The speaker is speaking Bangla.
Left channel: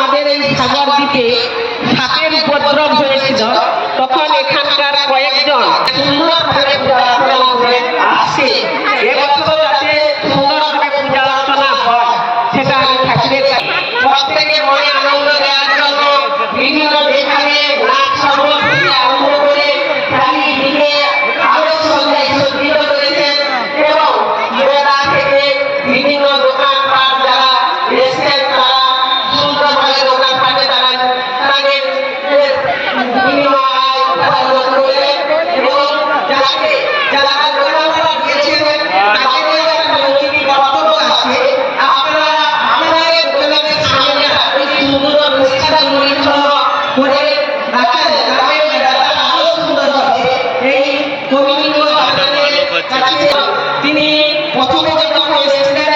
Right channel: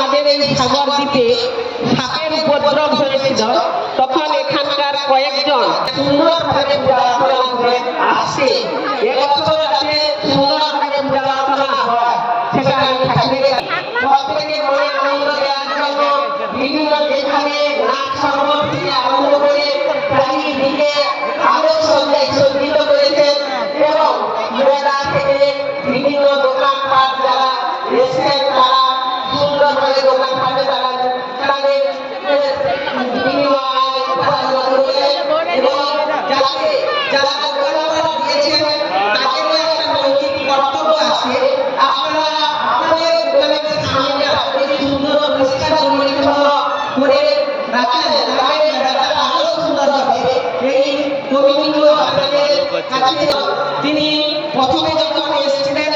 আমাদের এই সাগর দ্বীপে সাপের উপদ্রব হয়েছিল। তখন এখানকার কয়েকজন সুন্দরভাবে আসছে। তিনি প্রথমে যখন এসেছিলেন